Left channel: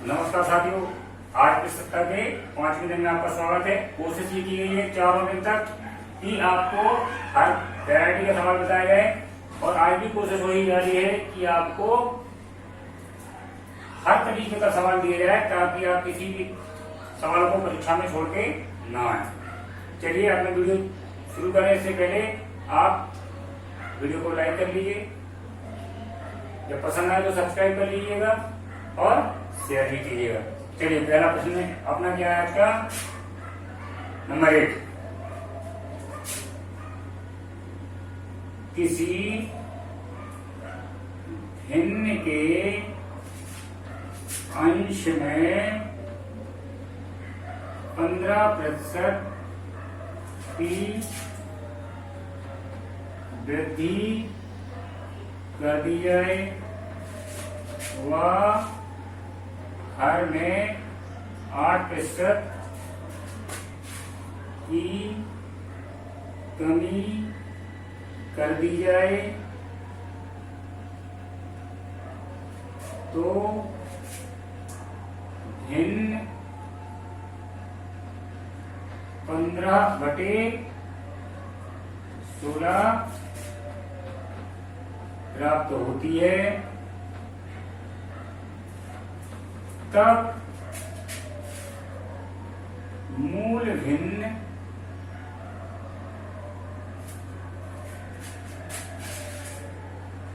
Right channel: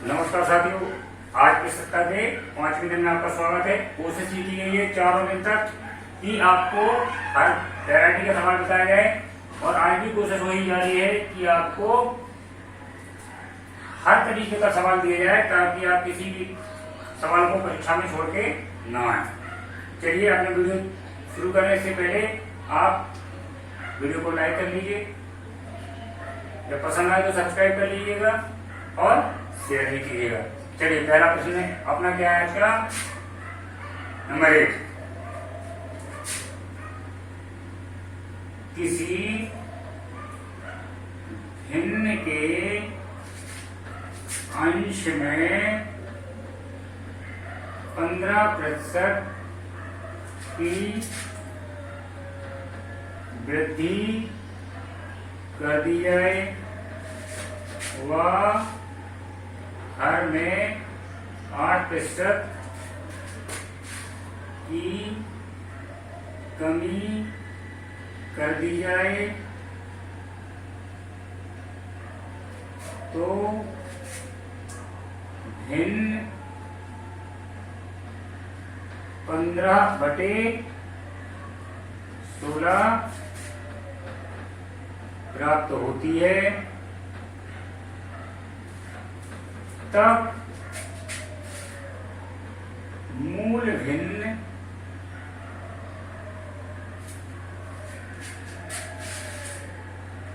नमस्कार साथियों, आज की सप्ताह के 5वें दिन में आपका स्वागत है। कोशिश ये की गई है चारों दिन तक कि आपको हर वैरायटी का सवाल बताया जाए और आज भी कोशिश वही जारी है कि आपको हर तरीके का सवाल दिया जाए ताकि आप किसी भी सवाल को परीक्षा में छोड़ के न आए। चलिए अपना वीडियो शुरू करें। इससे पहले आप वीडियो को लाइक कर लीजिए, जब पसंद आए तो सब्सक्राइब कर लीजिएगा और शेयर भी कीजिएगा। चलिए पहला प्रश्न अपना क्या है इसका नंबर 1। किसी भिन्न के अंश में 15% की वृद्धि कर दी जाए व हर में 8% की कमी कर दी जाए तो भिन्न 15/16 प्राप्त होती है। तब मूल भिन्न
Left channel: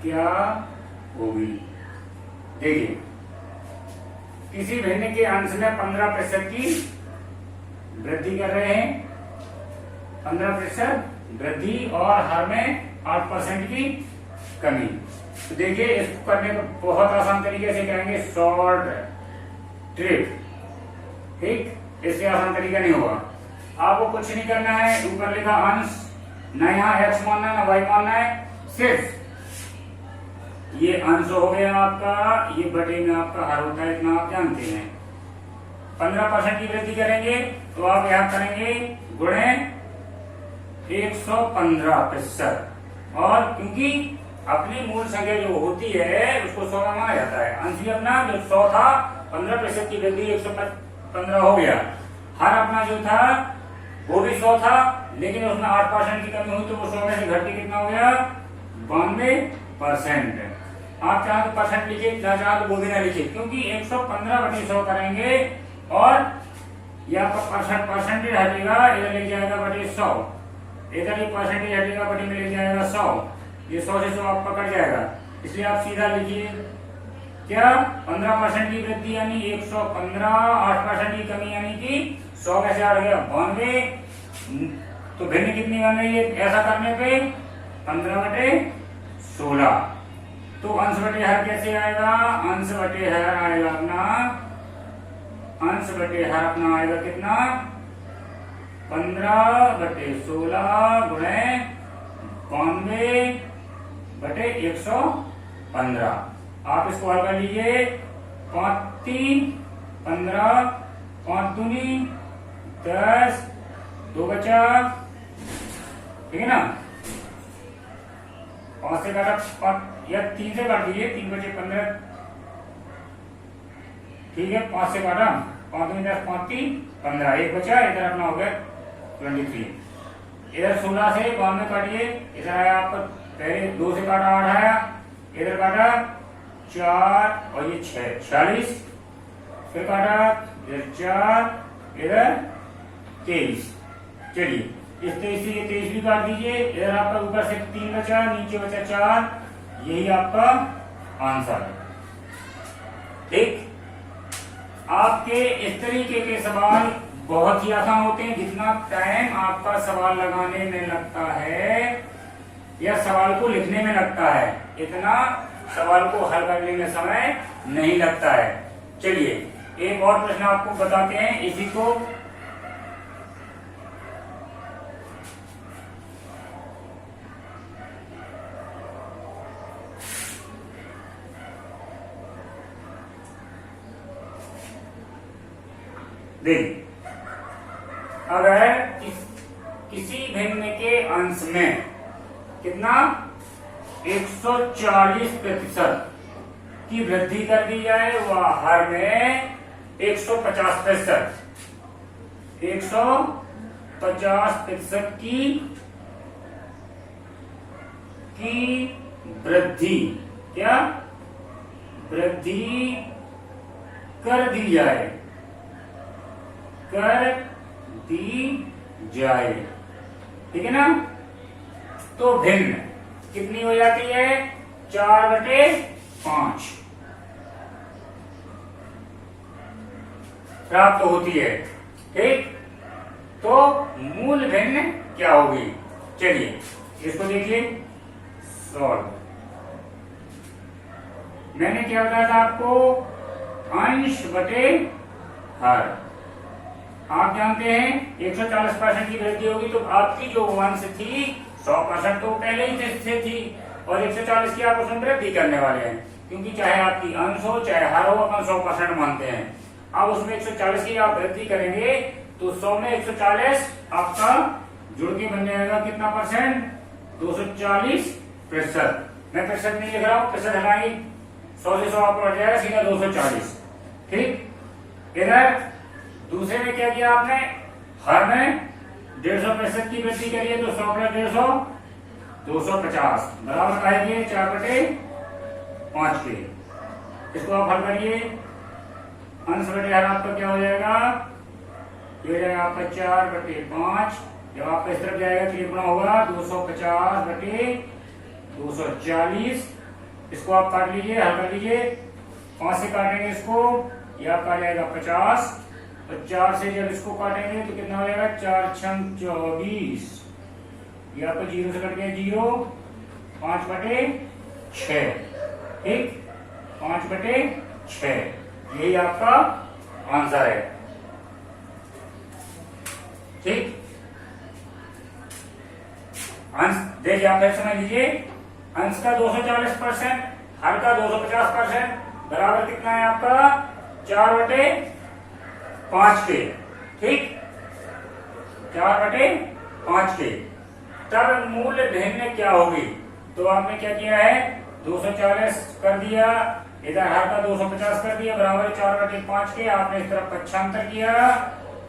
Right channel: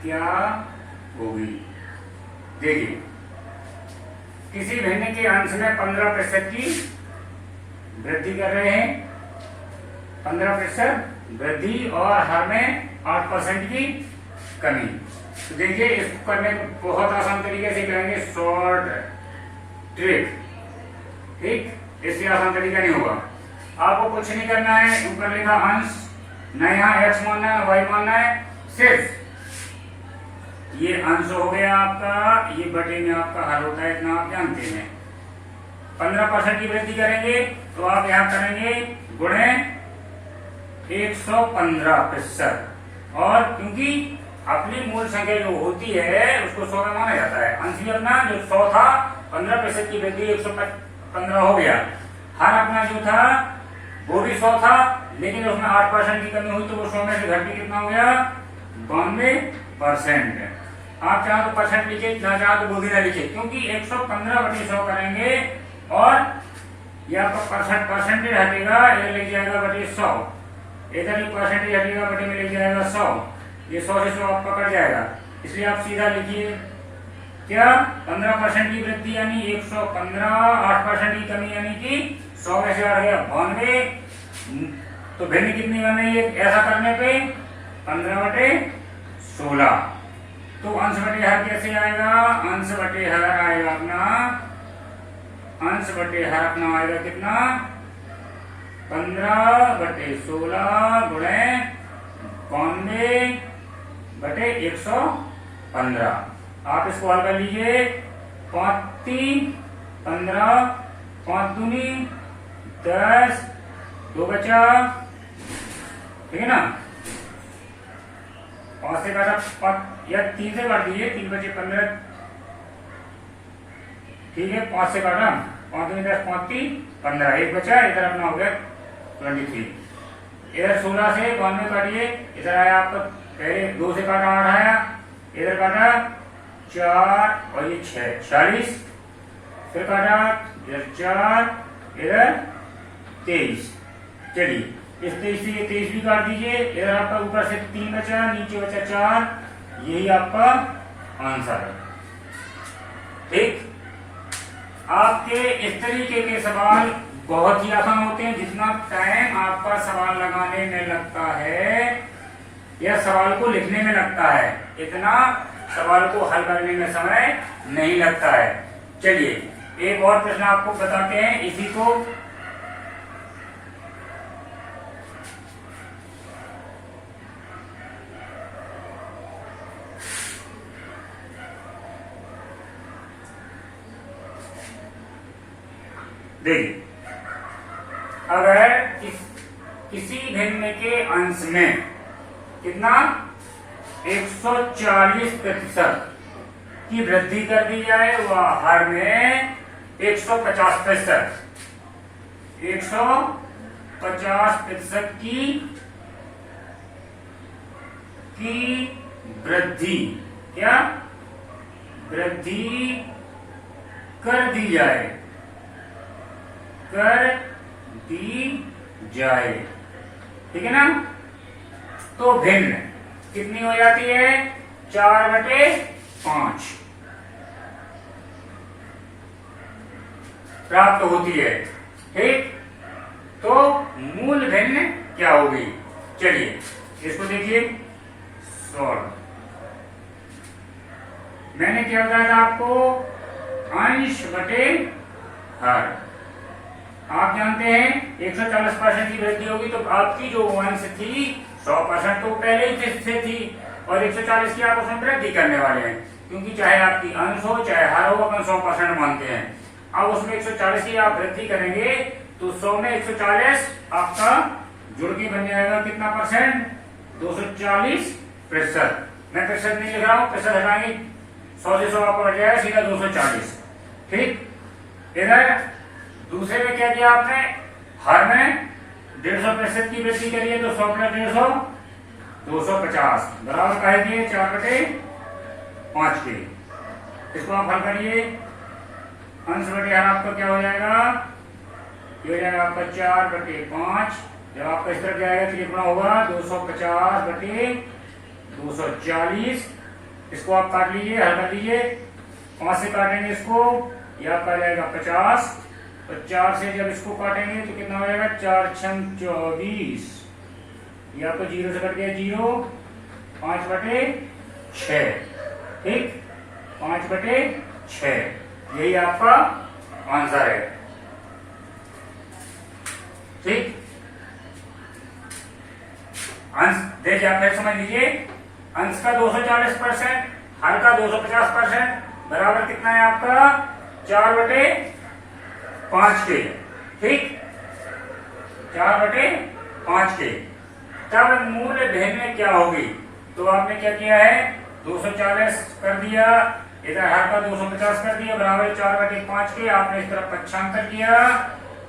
क्या होगी। देखिए, किसी भिन्न के अंश में 15% की वृद्धि कर रहे हैं, 15% वृद्धि और हर में 8% की कमी। तो देखिए, इसको करने को बहुत आसान तरीके से करेंगे, शॉर्ट ट्रिक। ठीक, इससे आसान तरीका नहीं होगा। आपको कुछ नहीं करना है, ऊपर लिखा अंश, न यहाँ x मानना है न y मानना है, सिर्फ ये अंश हो गया आपका, ये बटे में आपका हर होता है, इतना आप जानते हैं। 15% की वृद्धि करेंगे तो आप यहाँ करेंगे गुणे 115%। और क्योंकि अपनी मूल संख्या जो होती है उसको 100 में माना जाता है। अंश भी अपना जो 100 था, 15% की वृद्धि 115 हो गया। हर अपना जो था वो भी 100 था, लेकिन उसमें 8% की कमी हुई तो वो 100 में से घट के कितना हो गया, 92%। आप चाहो तो परसेंट लिखिए, ना चाहो तो बोली ना लिखिए, क्योंकि 115/100 करेंगे और यह परसेंटेज हटेगा, इधर लग जाएगा बटे 100, इधर भी परसेंटेज हटेगा, बटे में लग जाएगा 100, ये 100 से 100 आपका कट जाएगा। इसलिए आप सीधा लिखिए क्या, 15% की वृद्धि यानी 115, 8% की कमी यानी कि 100 में से आ गया 92। तो भिन्न कितनी बन रही है ऐसा करने पे, 15/16। तो अंश बटे हर कैसे आएगा, अंश बटे हर आएगा अपना, अंश बटे हर अपना आएगा कितना, 15/16 गुणे 92/115। आप इसको हल कर लीजिए, 5 3 15, 5 दूनी 10, 2 बचा, ठीक है ना। 5 से काटा 5 या 3 से काट दीजिए, 3 बचे 15, ठीक है। 5 से काटा, 5 दूनी 10, 5 3 15, एक बचा, इधर अपना हो गया 23। इधर 16 से 92 काटिए, इधर आया आपका, पहले 2 से काटा 8 आया, इधर काटा 4 और ये 6, 46, फिर काटा इधर 4, इधर 23। चलिए इस 23 से ये 23 भी काट दीजिए, इधर आपका ऊपर से 3 बचा, नीचे बचा 4, यही आपका आंसर है। ठीक, आपके इस तरीके के सवाल बहुत ही आसान होते हैं। जितना टाइम आपका सवाल लगाने में लगता है या सवाल को लिखने में लगता है, इतना सवाल को हल करने में समय नहीं लगता है। चलिए एक और प्रश्न आपको बताते हैं इसी को। देखिए, अगर किसी भिन्न के अंश में कितना 140% की वृद्धि कर दी जाए वह हर में 150%, 150% की वृद्धि, क्या वृद्धि कर दी जाए, कर दी जाए, ठीक है ना। तो भिन्न कितनी हो जाती है, 4/5 प्राप्त होती है, ठीक। तो मूल भिन्न क्या होगी, चलिए इसको देखिए सॉल्व। मैंने क्या बताया था आपको, अंश बटे हर। आप जानते हैं 140% की वृद्धि होगी तो आपकी जो अंश थी 100% तो पहले ही से थी, और 140 की आप उसमें वृद्धि करने वाले हैं, क्योंकि चाहे आपकी अंश हो चाहे हर हो, अपन 100% मानते हैं। अब उसमें 140 की आप वृद्धि करेंगे तो 100 में 140 आपका जुड़ के बन जाएगा कितना परसेंट, 240%। मैं प्रतिशत नहीं लिख रहा हूं, प्रतिशत हटाएंगे, 100 से 100 आपको हट जाएगा सीधा 240, ठीक। इधर दूसरे में क्या किया आपने, हर में 150% की वृद्धि करिए तो 100 में 150 250 बराबर का है 4/5 के। इसको आप हल करिए, अंश बटे हर आपका क्या हो जाएगा, ये हो जाएगा आपका 4/5। जब आपका इस तरफ जाएगा तो ये गुणा होगा 250/240। इसको आप काट लीजिए, हल कर लीजिए, 5 से काटेंगे इसको, ये आपका जाएगा 50, और 4 से जब इसको काटेंगे तो कितना हो जाएगा, 4 छंग 24, ये आपको 0 से कट गया 0, 5/6, ठीक, 5/6, यही आपका आंसर है, ठीक। अंश देखिए आप फिर समझ लीजिए, अंश का 240%, हर का 250% बराबर कितना है आपका, 4/5 के, ठीक, 4/5 के। तब मूल भिन्न क्या होगी, तो आपने क्या किया है, 240 कर दिया, इधर हर का 250 कर दिया, बराबर 4/5 के। आपने इस तरफ पक्षांतर किया,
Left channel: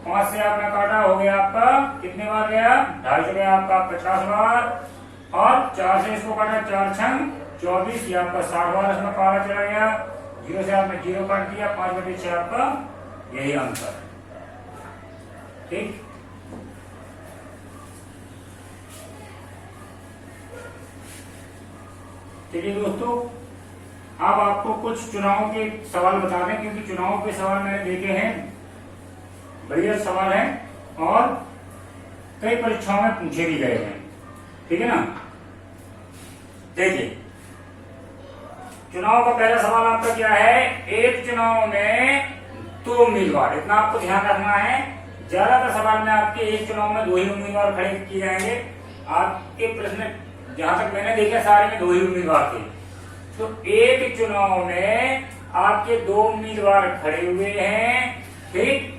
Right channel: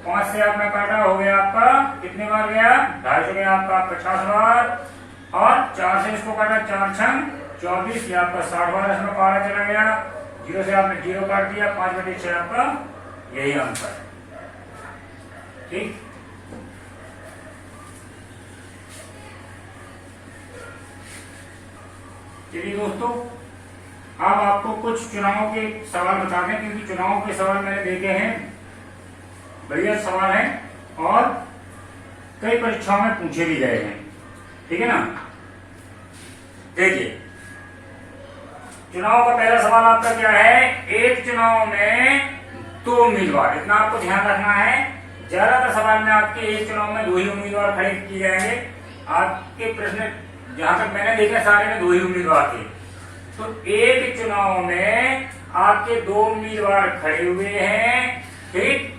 5 से आपने काटा, हो गया आपका कितने बार गया, 250 गया आपका 50 बार, और 4 से इसको काटा, 4 छंग 24, ये आपका 60 बार इसमें काटा चला गया, 0 से आपने 0 काट दिया, 5/6 आपका यही आंसर है, ठीक। चलिए दोस्तों, अब आपको कुछ चुनाव के सवाल बता दें, क्योंकि चुनाव के सवाल मैंने देखे हैं, बढ़िया सवाल है और कई परीक्षाओं में पूछे भी गए हैं, ठीक है ना। देखिए चुनाव का पहला सवाल आपका क्या है, एक चुनाव में 2 उम्मीदवार, इतना आपको ध्यान रखना है। ज्यादातर सवाल में आपके एक चुनाव में 2 ही उम्मीदवार खड़े किए जाएंगे। आपके प्रश्न जहां तक मैंने देखा सारे में 2 ही उम्मीदवार थे। तो एक चुनाव में आपके 2 उम्मीदवार खड़े हुए हैं, ठीक।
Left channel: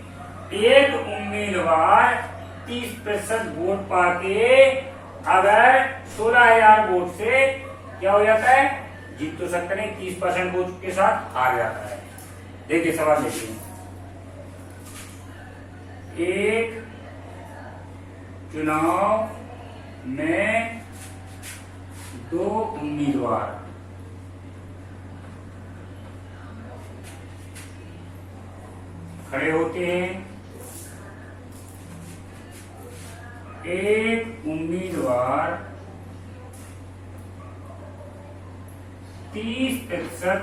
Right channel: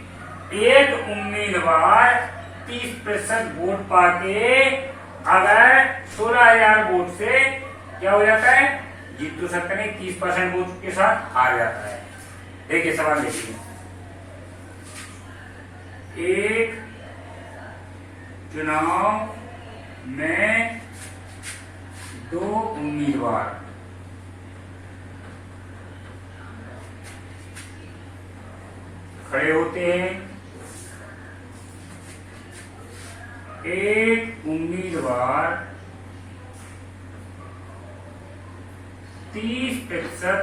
एक उम्मीदवार 30% वोट पाके अगर 16,000 वोट से क्या हो जाता है, जीत तो सकते नहीं, 30% वोट के साथ हार जाता है। देखिए सवाल देखिए, एक चुनाव में 2 उम्मीदवार खड़े होते हैं। एक उम्मीदवार 30%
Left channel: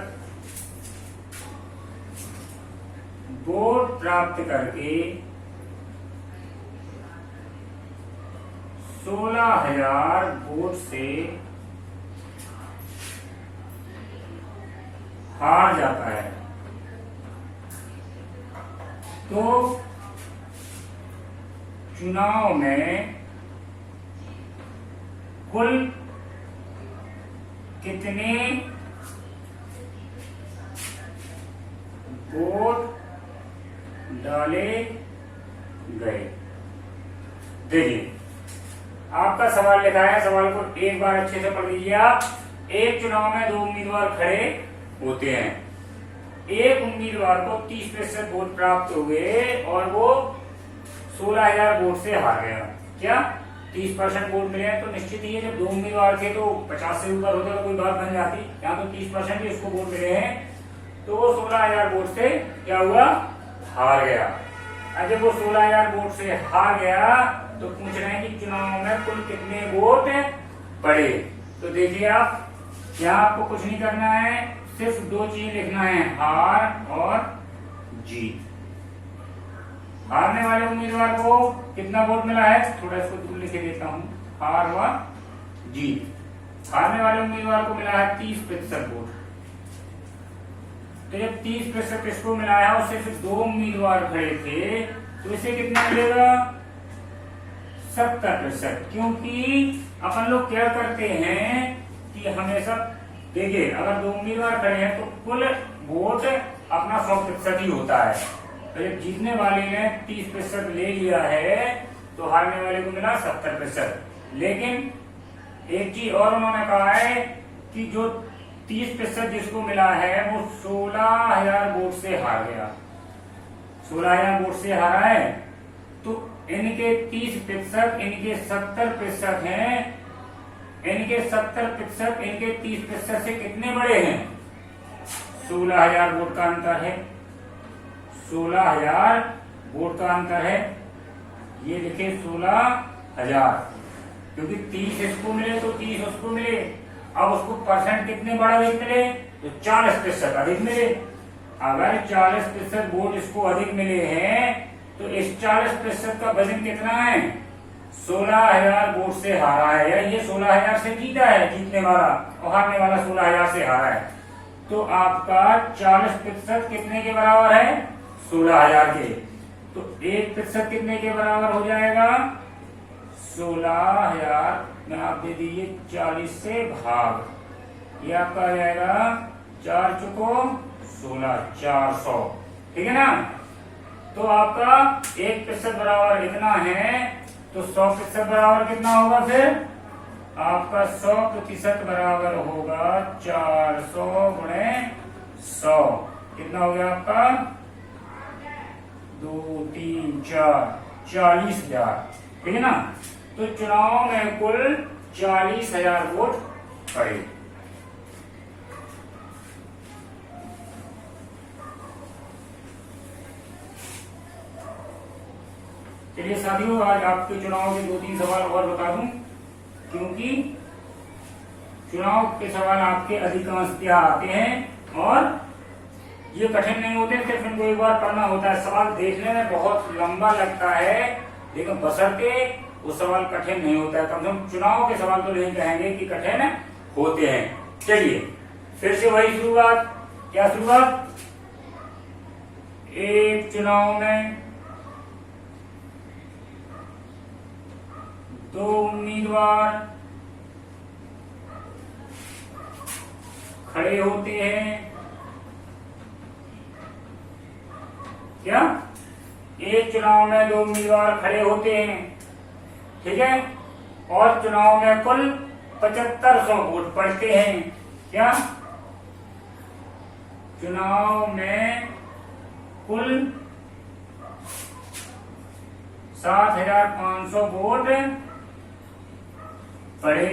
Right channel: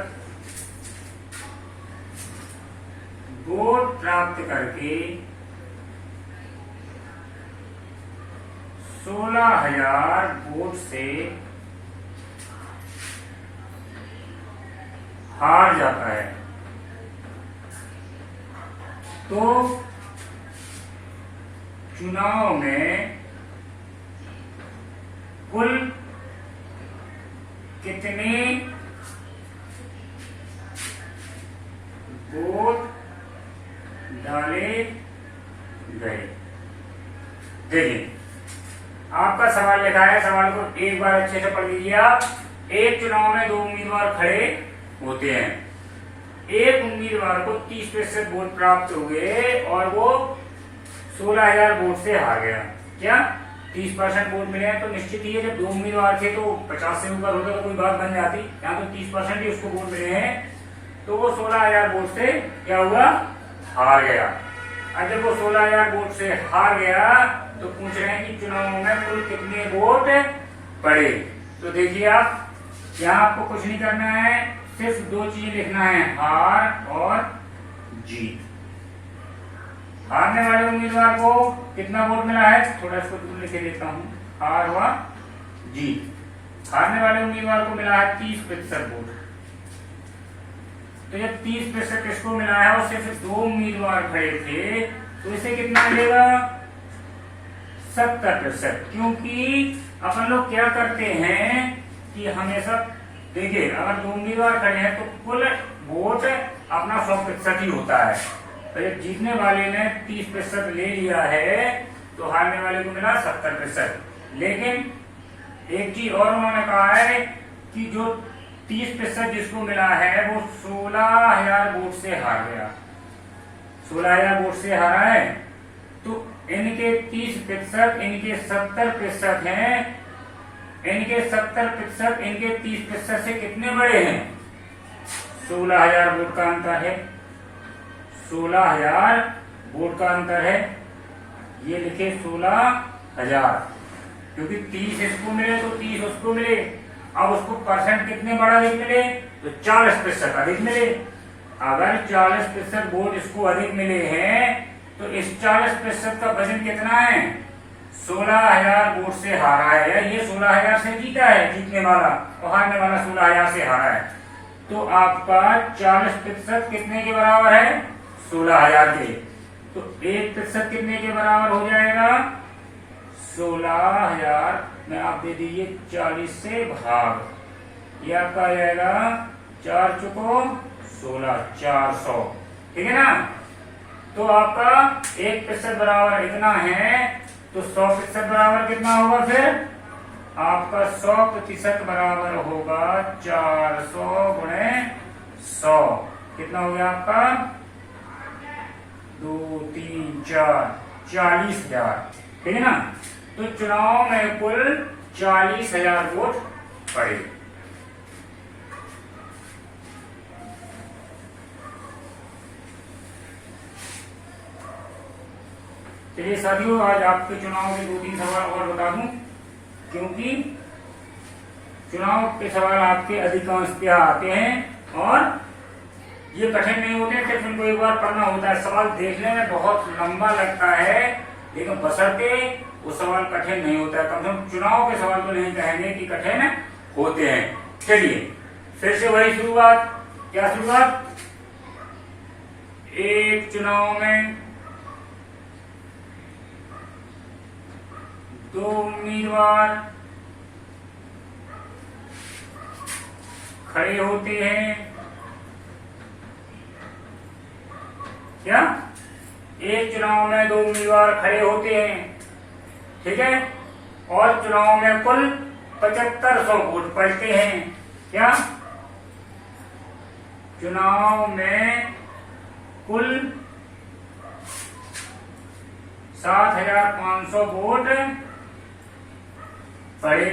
वोट प्राप्त करके 16,000 वोट से हार जाता है। तो चुनाव में कुल कितने वोट डाले गए। देखिए आपका सवाल लिखा है, सवाल को एक बार अच्छे से पढ़ लीजिए आप। एक चुनाव में 2 उम्मीदवार खड़े होते हैं। एक उम्मीदवार को 30% वोट प्राप्त हुए और वो 16,000 वोट से हार गया। क्या 30% वोट मिले तो निश्चित ही है, जब 2 उम्मीदवार थे तो 50 से ऊपर होता तो कोई बात बन जाती। यहाँ तो 30% ही उसको वोट मिले हैं, तो वो 16,000 वोट से क्या हुआ, हार गया। अब जब वो 16,000 वोट से हार गया तो पूछ रहे हैं कि चुनाव में कुल कितने वोट पड़े। तो देखिए आप, यहाँ आपको कुछ नहीं करना है, सिर्फ 2 चीज लिखना है, हार और जीत। हारने वाले उम्मीदवार को कितना वोट मिला है, थोड़ा इसको दूर लिख के देता हूं, हार व जीत। हारने वाले उम्मीदवार को मिला है 30% वोट। तो जब 30% किसको मिला है और सिर्फ 2 उम्मीदवार खड़े थे तो इसे कितना मिलेगा, 70%। क्योंकि अपन लोग क्या करते हैं कि हमेशा देखिए, अगर 2 उम्मीदवार खड़े हैं तो कुल वोट अपना 100% ही होता है। तो जब जीतने वाले ने 30% ले लिया है तो हारने वाले को मिला 70%। लेकिन एक चीज और उन्होंने कहा है कि जो 30% जिसको मिला है वो 16,000 वोट से हार गया। 16,000 वोट से हारा है, तो इनके 30%, इनके 70% हैं। इनके 70%, इनके 30% से कितने बड़े हैं, 16,000 वोट का अंतर है। 16,000 वोट का अंतर है, ये लिखे 16,000, क्योंकि 30 इसको मिले तो 30 उसको मिले। अब उसको परसेंट कितने बड़ा अधिक मिले, तो 40% अधिक मिले। अगर 40% वोट इसको अधिक मिले हैं तो इस 40% का वजन कितना है, 16,000 वोट से हारा है। ये 16,000 से जीता है, जीतने वाला, और हारने वाला 16,000 से हारा है। तो आपका 40% कितने के बराबर है, 16,000 के। तो 1% कितने के बराबर हो जाएगा, 16,000 में आप दे दीजिए 40 से भाग, ये आपका आ जाएगा 4 चुको 16, 400। ठीक है ना। तो आपका 1% बराबर इतना है, तो 100% बराबर कितना होगा, फिर आपका 100% बराबर होगा 400 गुणे 100। कितना हो गया आपका, 2, 3, 4, 40,000। ठीक है ना। तो चुनाव में कुल 40,000 वोट पड़े। चलिए साथियों, आज आपके चुनाव के 2-3 सवाल और बता दूं, क्योंकि चुनाव के सवाल आपके अधिकांशतः आते हैं और ये कठिन नहीं होते, सिर्फ इनको एक बार पढ़ना होता है। सवाल देखने में बहुत लंबा लगता है, लेकिन बशर्ते वो सवाल कठिन नहीं होता है। कम से कम चुनाव के सवाल तो नहीं कहेंगे कि कठिन होते हैं। चलिए फिर से वही शुरुआत, क्या शुरुआत, एक चुनाव में 2 उम्मीदवार खड़े होते हैं। क्या, एक चुनाव में 2 उम्मीदवार खड़े होते हैं, ठीक है, और चुनाव में कुल 7500 वोट पड़ते हैं। क्या, चुनाव में कुल 7,500 वोट पड़े।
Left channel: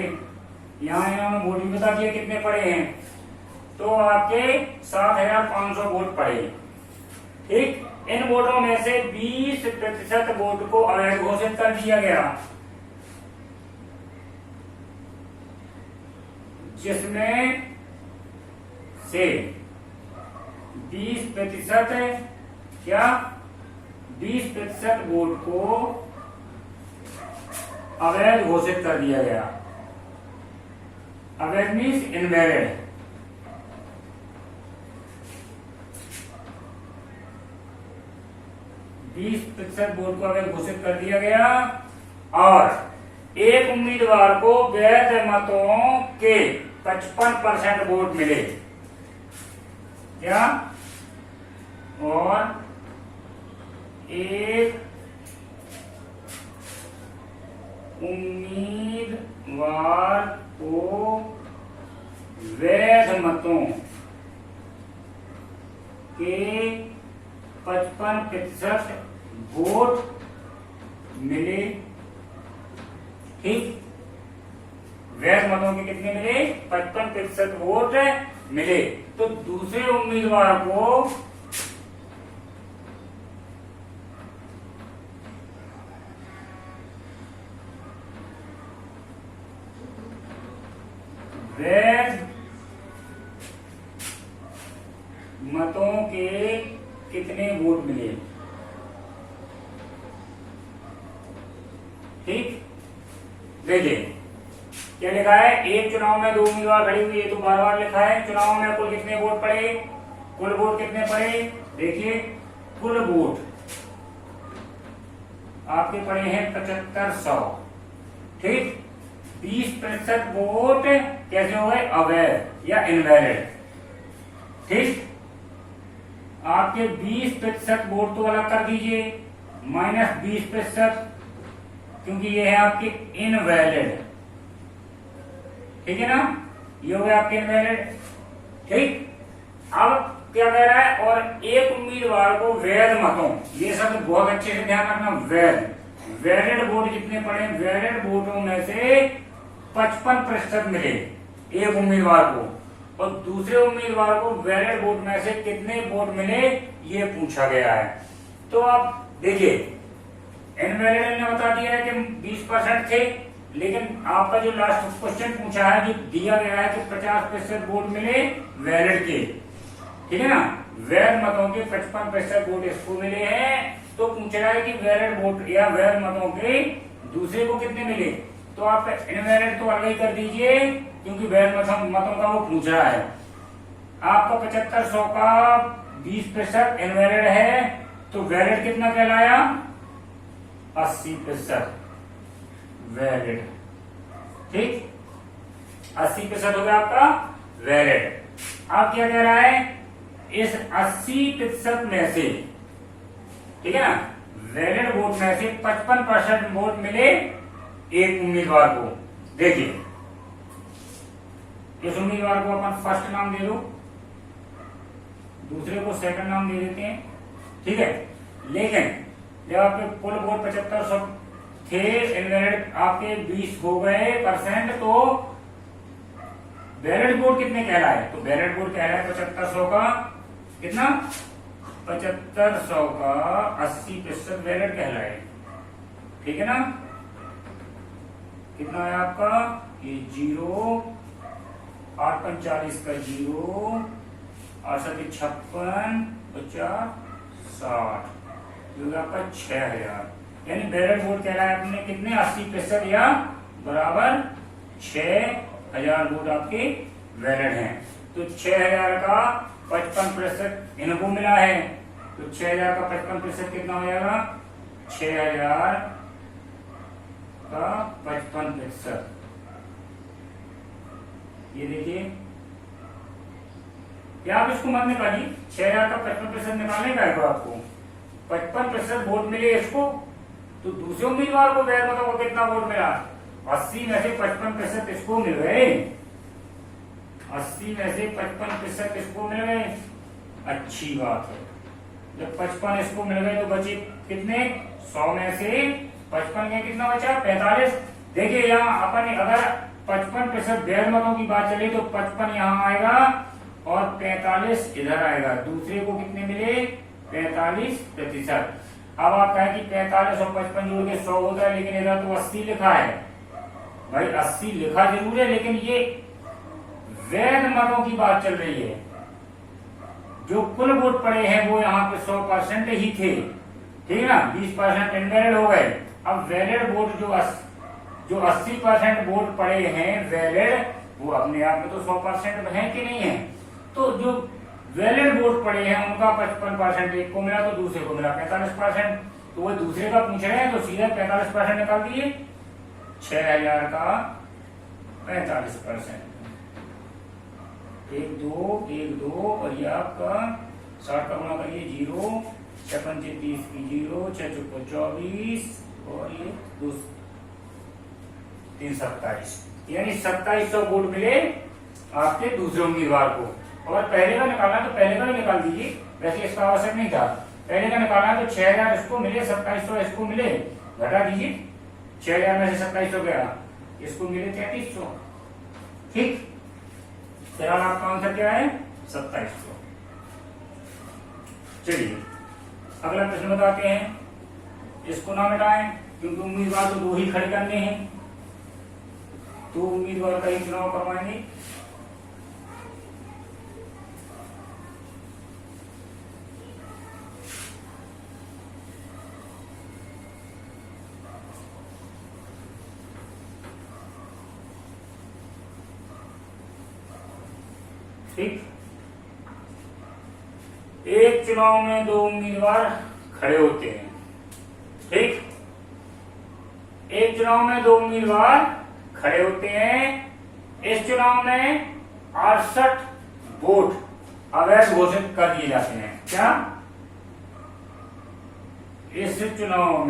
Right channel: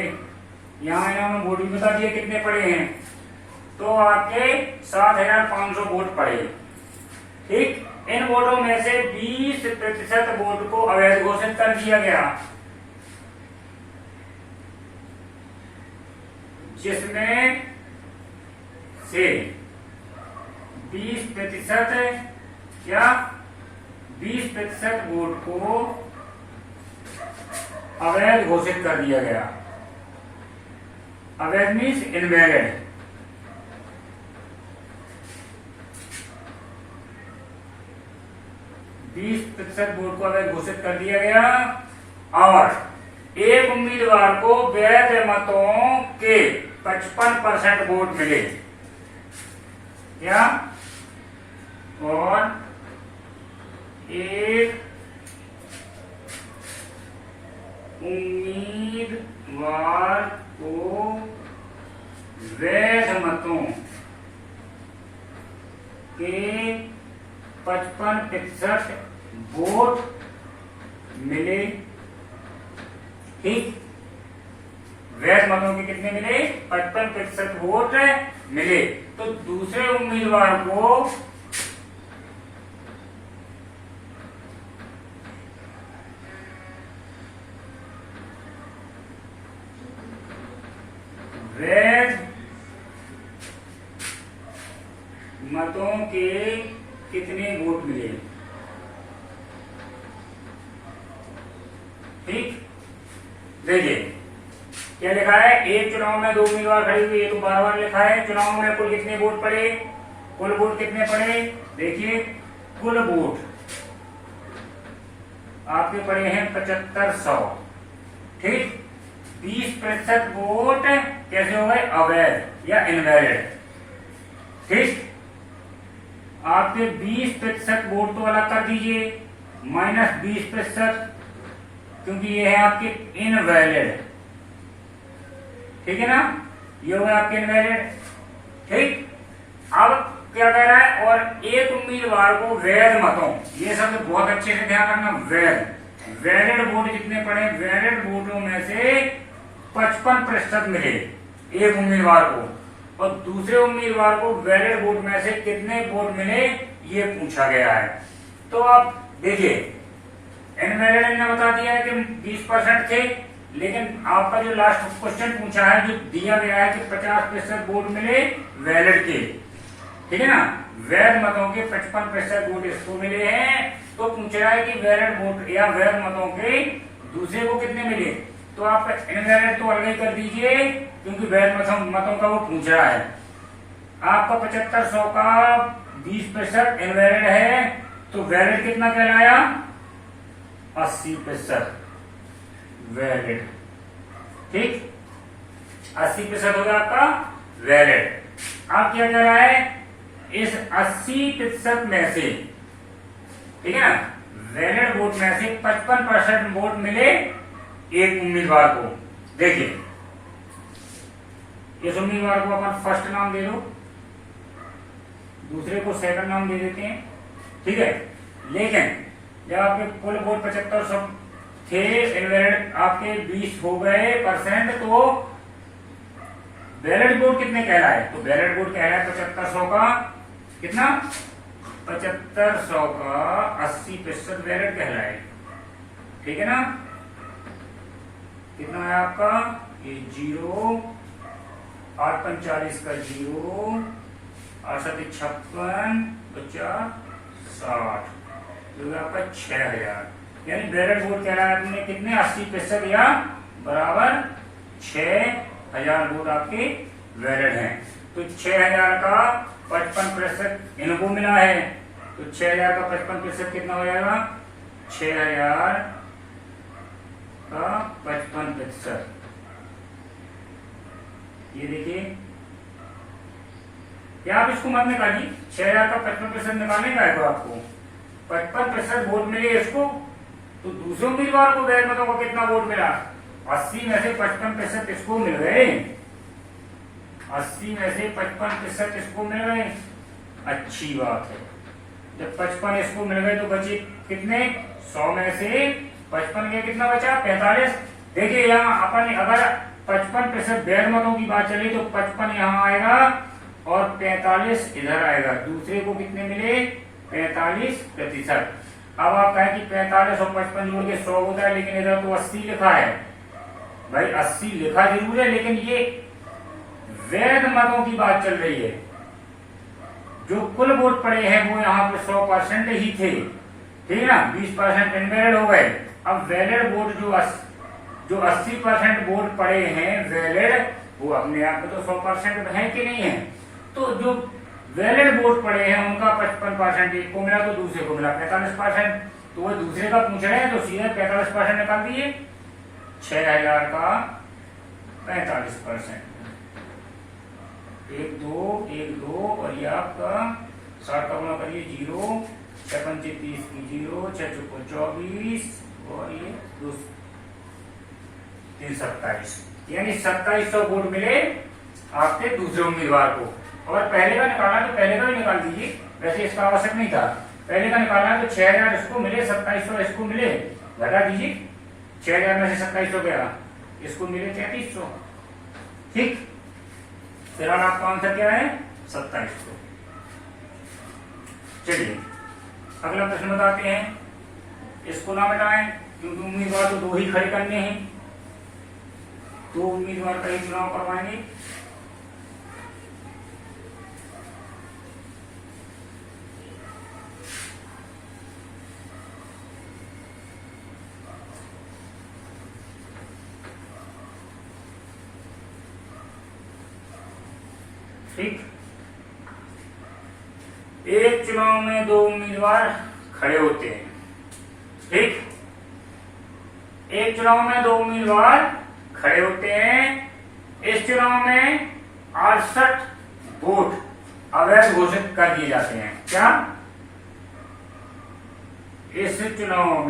यहां इन्होंने वोट भी बता दिए कितने पड़े हैं, तो आपके 7,500 वोट पड़े। ठीक, इन वोटों में से 20% वोट को अवैध घोषित कर दिया गया, जिसमें से 20% क्या, 20% वोट को अवैध घोषित कर दिया गया। अवैध मीन्स इनवैलिड। %20 वोट को अवैध घोषित कर दिया गया, और एक उम्मीदवार को वैध मतों के 55% वोट मिले। क्या, और एक उम्मीदवार को वैध मतों 55% वोट मिले। ठीक, वैध मतों के कितने मिले? 55% वोट मिले। तो दूसरे उम्मीदवार को वैध मतों के कितने वोट मिले? ठीक, देखिए क्या लिखा है, एक चुनाव में 2 उम्मीदवार खड़े हुए, ये तो बार बार लिखा है। चुनाव में कुल कितने वोट पड़े? कुल वोट कितने पड़े? देखिए कुल वोट आपके पड़े हैं 7500। ठीक, 20% वोट कैसे हो गए? अवैध या इनवैलिड। ठीक, आपके 20% वोट तो अलग कर दीजिए, -20%, क्योंकि ये है आपके इनवैलिड। ठीक है ना, ये हो गया आपके इनवैलिड। ठीक, अब क्या कह रहा है? और एक उम्मीदवार को वैध मतों, ये शब्द बहुत अच्छे से ध्यान रखना, वैध, वैलिड वोट जितने पड़े, वैलिड वोटों में से 55% मिले एक उम्मीदवार को, और दूसरे उम्मीदवार को वैलिड वोट में से कितने वोट मिले ये पूछा गया है। तो आप देखिए, इनवैलिड ने बता दिया है कि 20% थे, लेकिन आपका जो लास्ट क्वेश्चन पूछा है, जो दिया गया है कि 50% वोट मिले वैलिड के। ठीक है ना, वैध मतों के 55% वोट इसको मिले हैं। तो पूछ रहा है कि वैलिड वोट या वैध मतों के दूसरे को कितने मिले। तो आप इनवैलिड तो अलग ही कर दीजिए, क्योंकि वैध मतों का वो पूछ रहा है। आपका 7500 का 20% इनवैलिड है, तो वैलिड कितना कहलाया? 80% वैलिड। ठीक, 80% हो गया आपका वैलिड। अब क्या कह रहा है? इस 80% में से, ठीक है ना, वैलिड वोट में से 55% वोट मिले एक उम्मीदवार को। देखिए, इस उम्मीदवार को अपन फर्स्ट नाम दे दो, दूसरे को सेकंड नाम दे देते हैं। ठीक है, लेकिन जब आपके कुल वोट 7500 थे, इनवैलिड आपके 20 हो गए %, तो वैलिड वोट कितने कहलाए? तो वैलिड वोट कहलाए 7500 का कितना? 7500 का 80% वैलिड कहलाए। ठीक है ना, कितना है आपका? ये 0, 8 5 40 का 0, 8 7 56, 50, 60, जो आपका 6000। यानी वैलिड वोट कह रहा है आपने कितने? 80% या बराबर 6000 वोट आपके वैलिड हैं। तो 6000 का 55% इनको मिला है, तो 6000 का 55% कितना हो जाएगा? 6000 का 55%। ये देखिए, क्या आप इसको मत निकालिए, 6000 का 55% निकालने का है तो आपको 55% वोट मिले इसको, तो दूसरे उम्मीदवार को वैध मतों को कितना वोट मिला? 80 में से 55% इसको मिल गए। 80 में से 55% इसको मिल गए, अच्छी बात है। जब 55 इसको मिल गए तो बचे कितने? 100 में से 55 के कितना बचा? 45। देखिए यहाँ अपन अगर 55% वैध मतों की बात चले तो 55 यहाँ आएगा और 45 इधर आएगा। दूसरे को कितने मिले? 45%। अब आप कहें कि 45 और 55 जोड़ के 100 होता है, लेकिन इधर तो 80 लिखा है। भाई 80 लिखा जरूर है, लेकिन ये वैध मतों की बात चल रही है। जो कुल वोट पड़े हैं वो यहाँ पे 100% ही थे, ठीक है ना, 20% इनवैलिड हो गए। अब वैलिड वोट जो 80% वोट पड़े हैं वैलिड, वो अपने आप में तो 100% है कि नहीं है। तो जो वैलिड वोट पड़े हैं उनका 55% एक को मिला, तो दूसरे को मिला 45%। तो वो दूसरे का पूछ रहे हैं तो सीधे 45% निकाल दिए। 6000 का 45%, 1 2 और ये आपका 60 का गुना करिए 0, 6 5 30 की 0, 6 4 24 और ये 2 3 27, यानी 2700 वोट मिले आपके दूसरे उम्मीदवार को। और पहले का निकालना तो पहले का ही निकाल दीजिए, वैसे इसका आवश्यक नहीं था। पहले का निकालना है तो 6000 इसको मिले, 2700 इसको मिले, घटा दीजिए, 6000 में से 2700 गया, इसको मिले 3300। ठीक, फिर आपका आंसर क्या है? 2700। चलिए अगला प्रश्न बताते हैं। इसको ना मिटाएं क्योंकि उम्मीदवार तो 2 ही खड़े करने हैं, तो उम्मीदवार का ही चुनाव करवाएंगे। ठीक, एक चुनाव में 2 उम्मीदवार खड़े होते हैं। ठीक, एक चुनाव में 2 उम्मीदवार खड़े होते हैं। इस चुनाव में 68 वोट अवैध घोषित कर दिए जाते हैं। क्या? इस चुनाव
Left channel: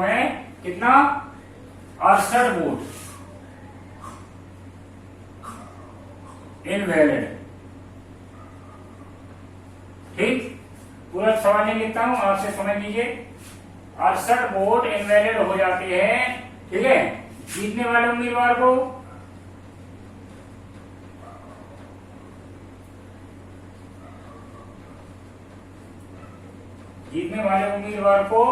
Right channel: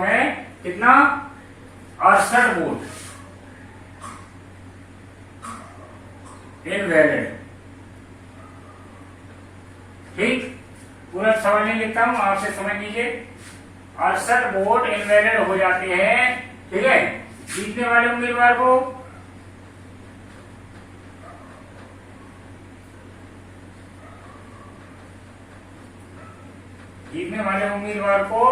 में कितना? 68 वोट इनवैलिड। ठीक, पूरा सवाल नहीं लिखता हूं, आपसे समझ लीजिए। 68 वोट इनवैलिड हो जाते हैं। ठीक है, जीतने वाले उम्मीदवार को जीतने वाले उम्मीदवार को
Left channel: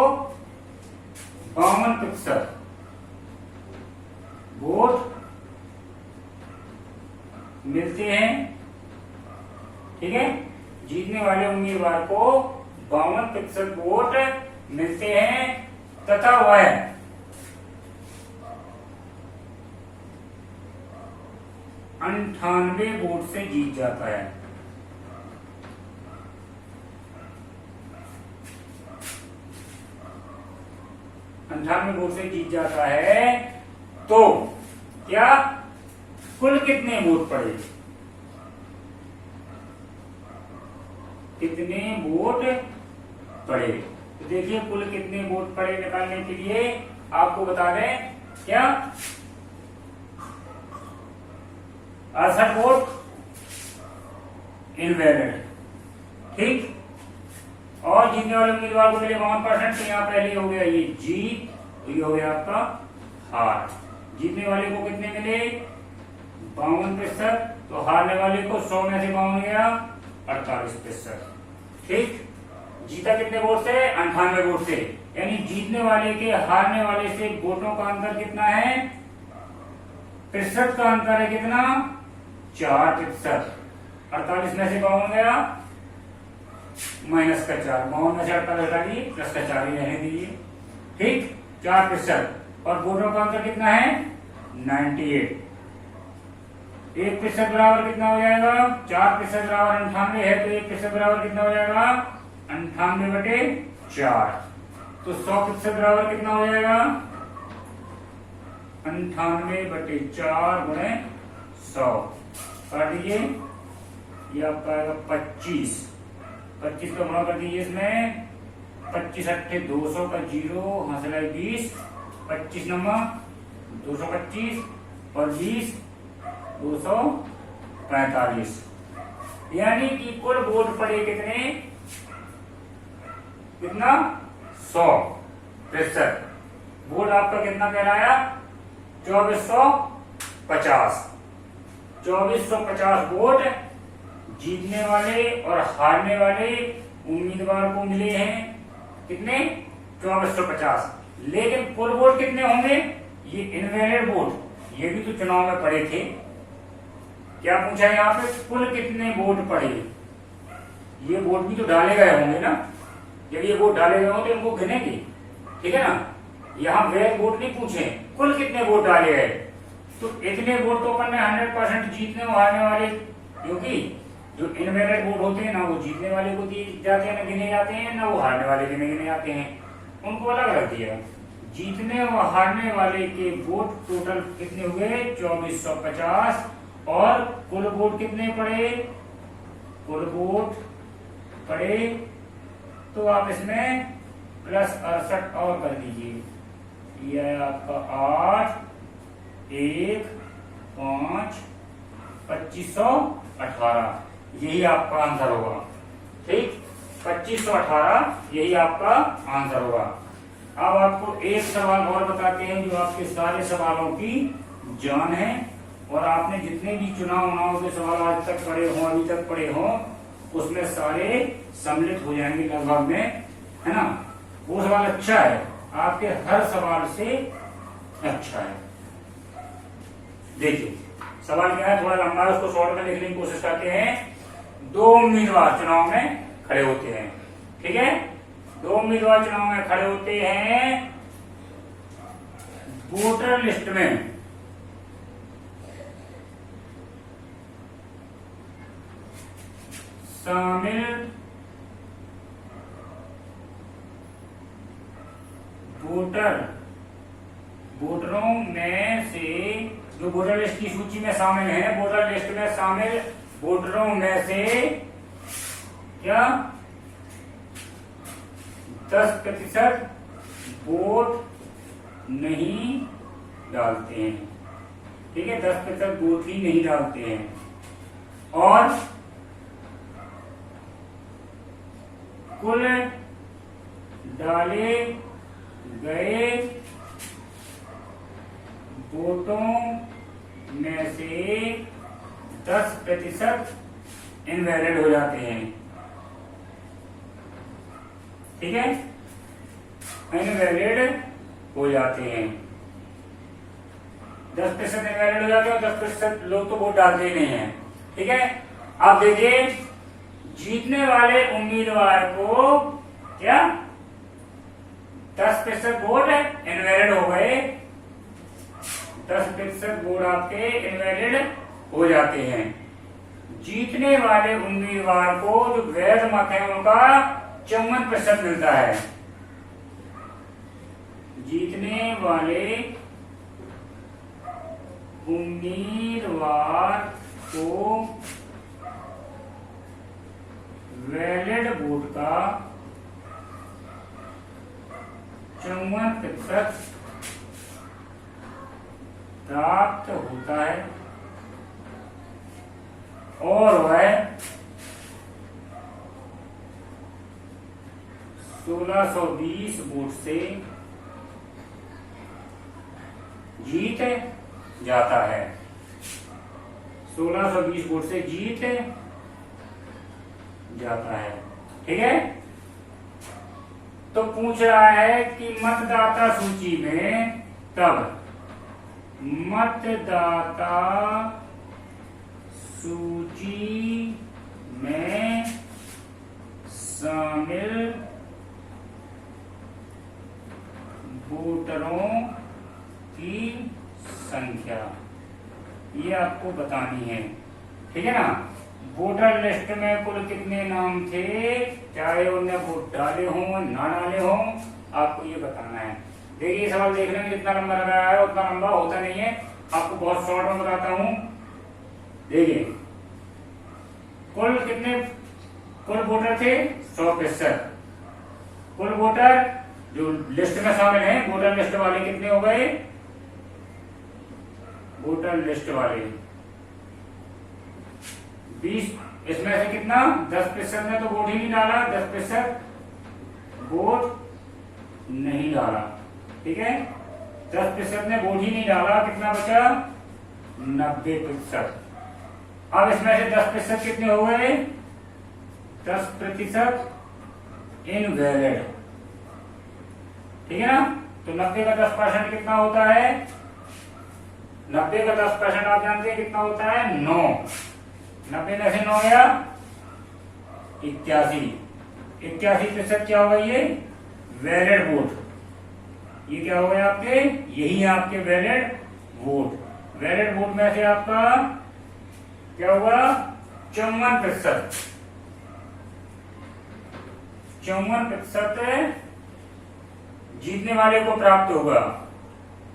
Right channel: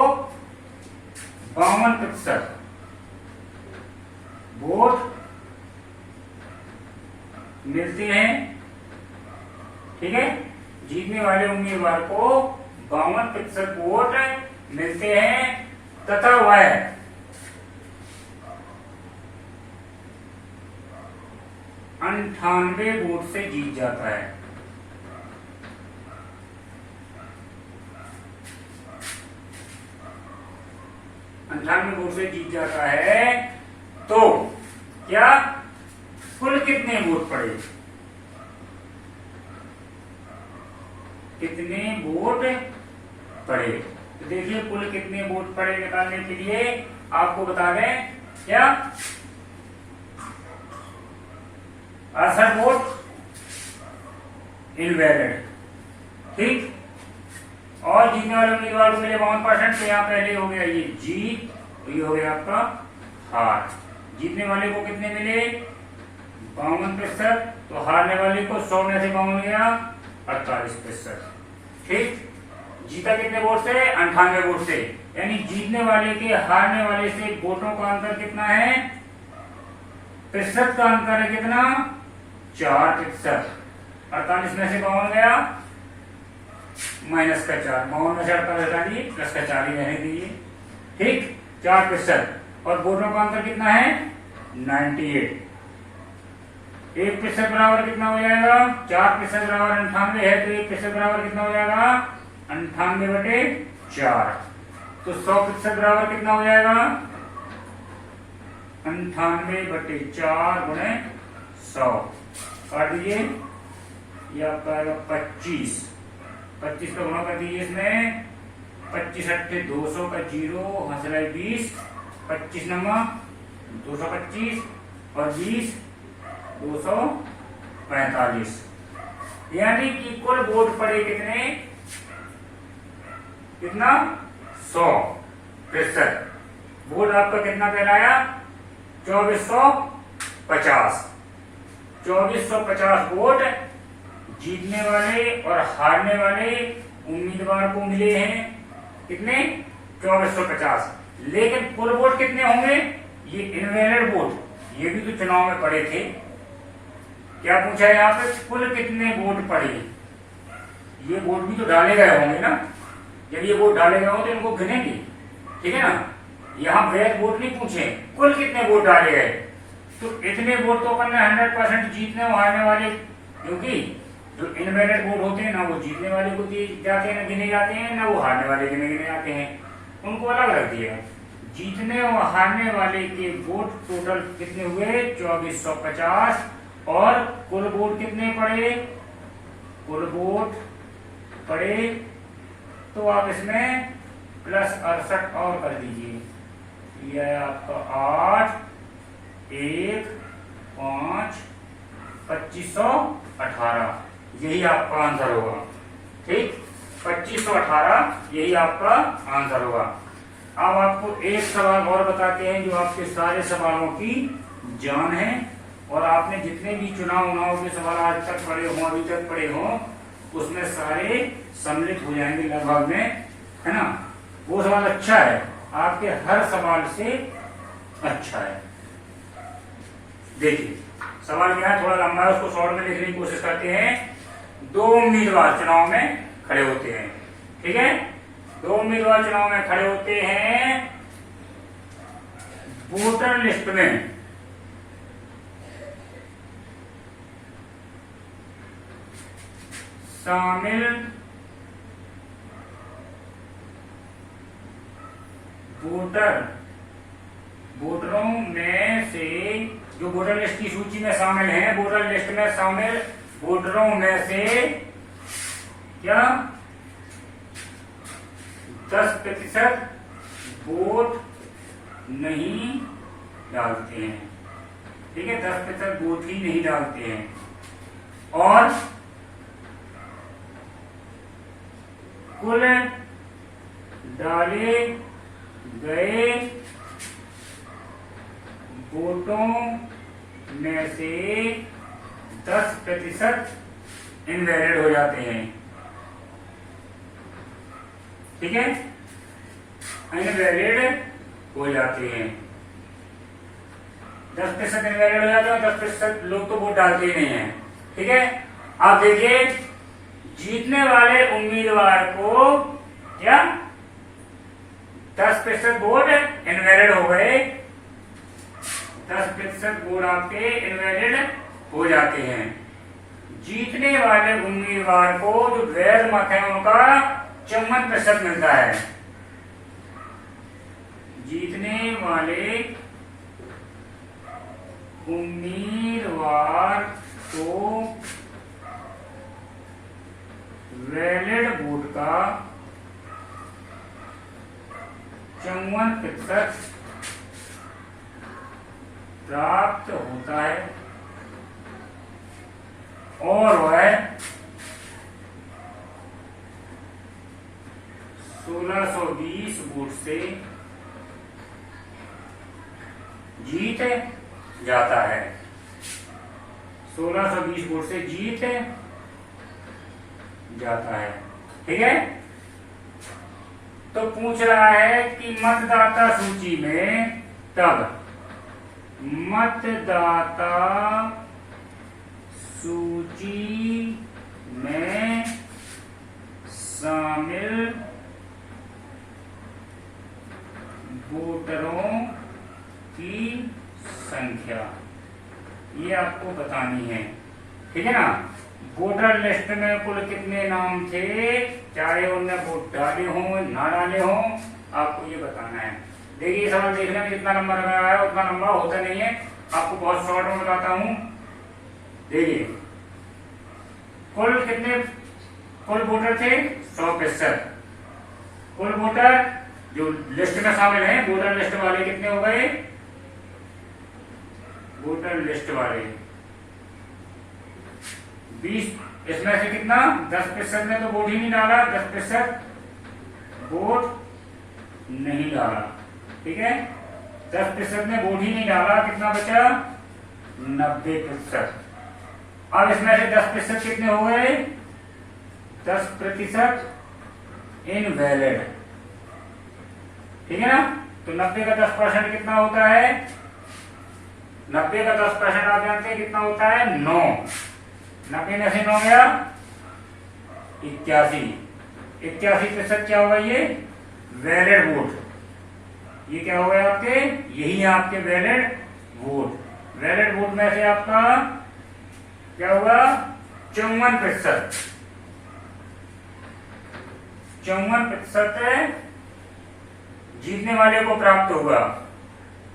52% वोट मिलते हैं। ठीक है, जीतने वाले उम्मीदवार को 52% वोट मिलते हैं तथा वह 98 वोट से जीत जाता है। वोट से जीत जाता है तो क्या कुल कितने वोट पड़े? कितने वोट पड़े? तो देखिए कुल कितने वोट पड़े निकालने के लिए आपको बता दें क्या 68 वोट इनवैलिड। ठीक, और जीतने वाले उम्मीदवार को मिले 52%। तो यहाँ पहले हो गया ये जीत, ये हो गया आपका हार। जीतने वाले को कितने मिले? 52%। तो हारने वाले को 100 में से 52 गया 48%। ठीक, जीता कितने वोट से? 98 वोट से। यानी जीतने वाले के हारने वाले से वोटों का अंतर कितना है? प्रतिशत का अंतर है कितना? 4%। 48 में से 52 गया माइनस का 4, 52 में से 48 हटा दिए, प्लस का 4 ही रहने दीजिए। ठीक, 4%। और वोटों का अंतर कितना है? 98। 1% बराबर कितना हो जाएगा? 4% बराबर 98 है, तो 1% बराबर कितना हो जाएगा? 98/4। तो 100% बराबर कितना हो जाएगा? 98/4 गुणे 100 काट दीजिए, ये आपका आएगा 25। 25 का गुणा कर दीजिए इसमें, 25 अट्ठे 200 का 0 हंसला 20, 25 नंबर 225 और 20 245। यानी कि कुल वोट पड़े कितने? कितना? 100%। वोट आपका कितना कहलाया? 2450। 2450 वोट जीतने वाले और हारने वाले उम्मीदवार को मिले हैं। कितने? 2450। लेकिन कुल वोट कितने होंगे? ये इनवैलिड वोट, ये भी तो चुनाव में पड़े थे। क्या पूछा है यहाँ पे? कुल कितने वोट पड़े? ये वोट भी तो डाले गए होंगे ना। जब ये वोट डाले गए हो तो इनको गिनेंगे। ठीक है ना, यहाँ वैध वोट नहीं पूछे, कुल कितने वोट डाले गए। तो इतने वोट तो अपन ने 100% जीतने और हारने वाले, क्योंकि जो इनवैलिड वोट होते हैं ना वो जीतने वाले को दिए जाते हैं, ना गिने जाते हैं, ना वो हारने वाले गिने जाते हैं, उनको अलग रख दिया। जीतने और हारने वाले के वोट टोटल कितने हुए? 2450। और कुल वोट कितने पड़े? कुल वोट पड़े तो आप इसमें प्लस 68 और कर दीजिए, यह है आपका 8 1 5 2500 18 यही आपका आंसर होगा। ठीक, 2518 यही आपका आंसर होगा। अब आपको एक सवाल और बताते हैं जो आपके सारे सवालों की जान है, और आपने जितने भी चुनाव के सवाल आज तक पढ़े हों, अभी तक पढ़े हों, उसमें सारे सम्मिलित हो जाएंगे लगभग में, है ना। वो सवाल अच्छा है, आपके हर सवाल से अच्छा है। देखिए सवाल क्या है, थोड़ा लंबा है, उसको शॉर्ट में लिखने की कोशिश करते हैं। 2 उम्मीदवार चुनाव में खड़े होते हैं, ठीक है। 2 उम्मीदवार चुनाव में खड़े होते हैं, वोटर लिस्ट में शामिल वोटरों में से, जो वोटर लिस्ट की सूची में शामिल हैं, वोटर लिस्ट में शामिल वोटरों में से क्या 10% वोट नहीं डालते हैं, ठीक है। 10% वोट ही नहीं डालते हैं, और कुल डाले गए वोटों में से 10% इनवैलिड हो जाते हैं, ठीक है। इनवैलिड हो जाते हैं, 10% इनवैलिड हो जाते हैं, 10% लोग तो वोट डालते ही नहीं है, ठीक है। आप देखिए जीतने वाले उम्मीदवार को क्या 10% वोट इनवैलिड हो गए, 10% वोट आपके इनवैलिड हो जाते हैं। जीतने वाले उम्मीदवार को जो वैध मत है उनका 54% मिलता है। जीतने वाले उम्मीदवार को वैलिड वोट का 54% प्राप्त होता है, और वह 1620 वोट से जीत जाता है। 1620 वोट से जीत जाता है, ठीक है। तो पूछ रहा है कि मतदाता सूची में, तब मतदाता सूची में शामिल वोटरों की संख्या ये आपको बतानी है, ठीक है ना। वोटर लिस्ट में कुल कितने नाम थे, चाहे उन्हें वोट डाले हों ना डाले हों, आपको ये बताना है। देखिए सवाल देखने में जितना लंबा लग रहा है उतना लंबा होता नहीं है, आपको बहुत शॉर्ट में बताता हूं। देखिए कुल वोटर थे 100%। कुल वोटर जो लिस्ट में शामिल हैं, वोटर लिस्ट वाले कितने हो गए, वोटर लिस्ट वाले 20, इसमें से कितना 10% ने तो वोट ही नहीं डाला, 10% वोट नहीं डाला, ठीक है। 10% ने वोट ही नहीं डाला, कितना बचा 90%। अब इसमें से 10% कितने हो गए, 10% इनवैलिड, ठीक है ना। तो 90 का 10% कितना होता है, 90 का 10% आप जानते हैं कितना होता है 9। 90 में से 9 गया 81। 81% क्या होगा, ये वैलिड वोट, ये क्या हो गए आपके, यही आपके वैलिड वोट। वैलिड वोट में से आपका क्या होगा 54%। 54% जीतने वाले को प्राप्त होगा,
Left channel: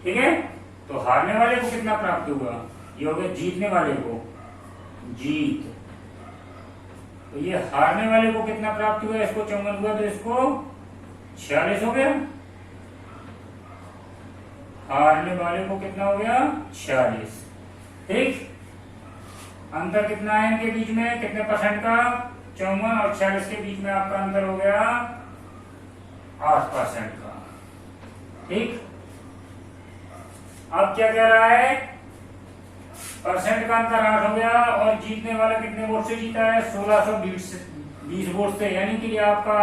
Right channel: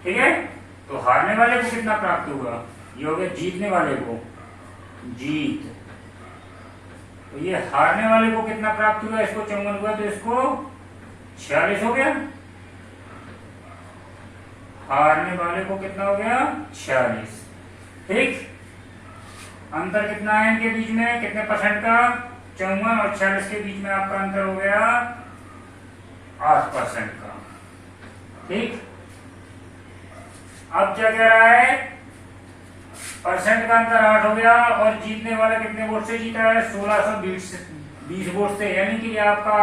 ठीक है। तो हारने वाले को कितना प्राप्त होगा, ये हो गया जीतने वाले को जीत। तो ये हारने वाले को कितना प्राप्त हुआ, इसको 54 हुआ तो इसको 46 हो गया। हारने वाले को कितना हो गया 46, ठीक। अंतर कितना है इनके बीच में, कितने परसेंट का, 54 और 46 के बीच में आपका अंतर हो गया 8% का। ठीक, अब क्या कह रहा है, परसेंट का अंतर 8 हो गया और जीतने वाला कितने वोट से जीता है, 1620 वोट से, यानी कि ये आपका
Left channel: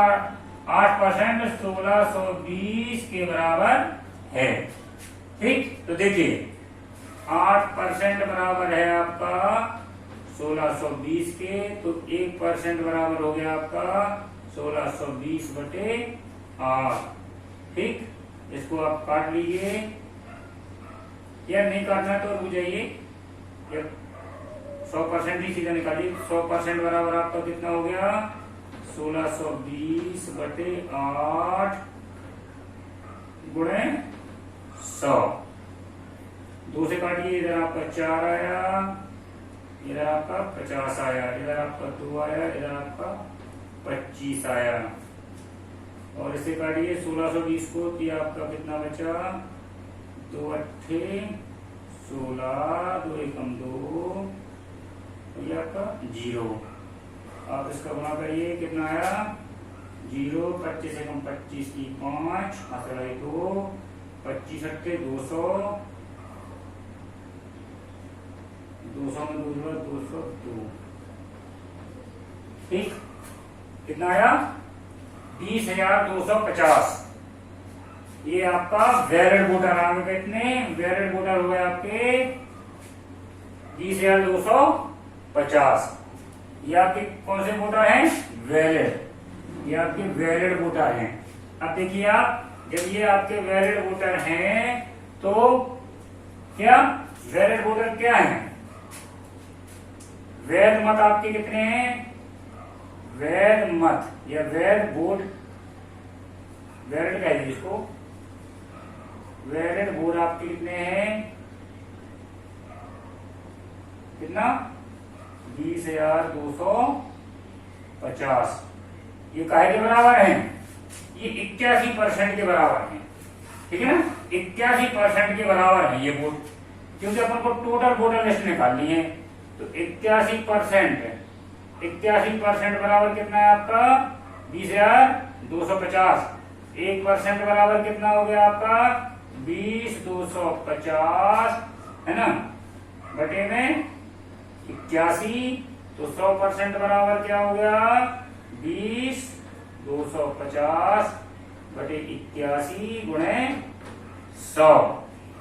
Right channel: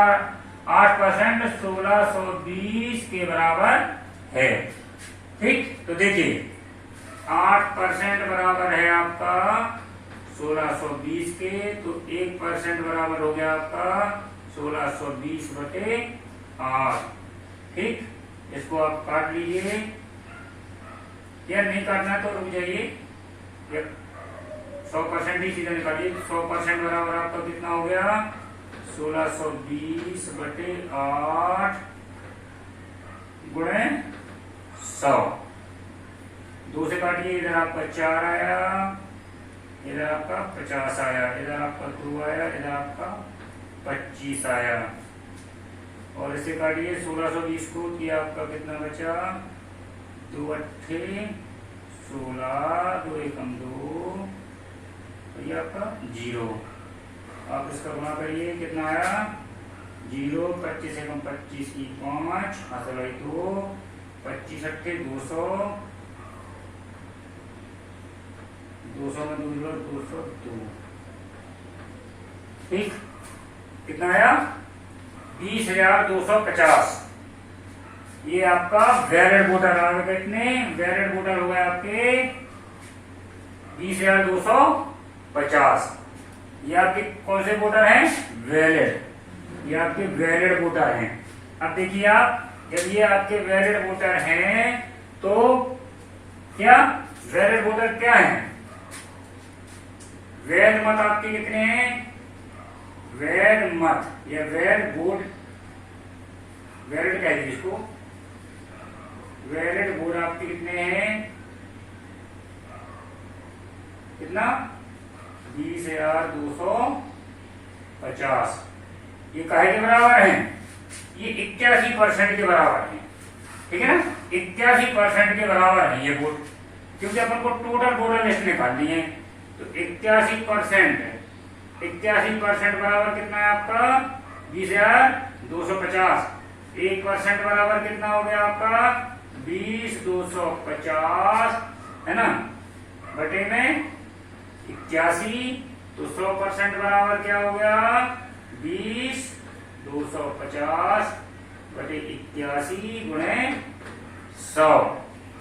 8% 1620 के बराबर है। ठीक, तो देखिए 8% बराबर है आपका 1620 के, तो 1% बराबर हो गया आपका 1620/8। ठीक, इसको आप काट लीजिए, या नहीं काटना है तो रुक जाइए, 100% ही सीधा निकालिए। 100% बराबर आपका कितना हो गया, 1620/8 गुणे 100। 2 से काटिए, इधर आपका 4 आया, इधर आपका 50 आया, इधर आपका 2 आया, इधर आपका 25 आया, और इसे काटिए 1620 को, दिया आपका कितना बचा, 2 अट्ठे 16, 2 एकम 2, ये आपका 0। आप इसका गुना करिए, कितना आया 0, 25 एकम 25 की 5, 2, 25 अट्ठे 200, 200 में 202। ठीक, कितना आया 20,250। ये आपका वैलिड वोटर आ गए, कितने वैलिड वोटर हो गए आपके 20,250। ये आपके कौन से वोटर हैं, वैलिड, ये आपके वैलिड वोटर हैं। अब देखिए आप, जब ये आपके वैलिड वोटर हैं तो क्या वैलिड वोटर क्या हैं, वैध मत आपके कितने हैं, वैध मत या वैध वोट, वैलिड कह दीजिए इसको, वैलिड वोट आपके कितने हैं, कितना 20,250। ये काहे के बराबर है, ये 81% के बराबर है। ठीक है ना, 81% के बराबर है ये वोट, क्योंकि अपन को टोटल वोटर लिस्ट निकालनी है। तो 81% बराबर कितना है आपका 20,250। 1% बराबर कितना हो गया आपका 20,250, है ना, बटे में 81। तो 100% बराबर क्या हो गया 20,250/81 गुणे 100।